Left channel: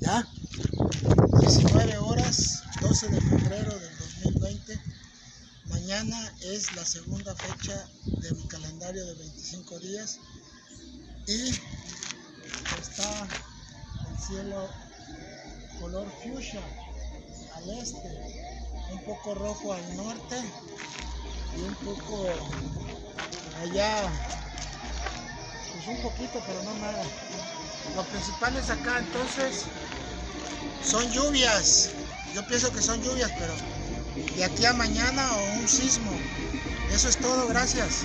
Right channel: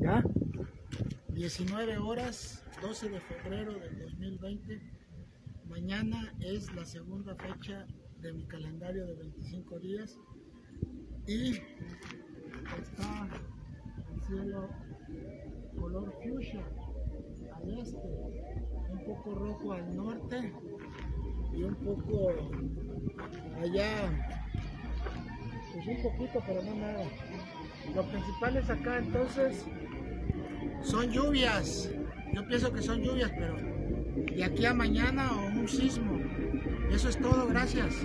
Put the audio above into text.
Ya, 19 horas, 12 de febrero del 2020. Mañana es la segunda fecha de mi calendario de 25 días y está el cielo color fuchsia al este, un poco rojo al norte y un poco allá, pues un poquito, pero no nada. Lo principal es acá, entonces son lluvias. Yo pienso que son lluvias, pero de aquí a mañana o un sismo. Eso es todo, gracias.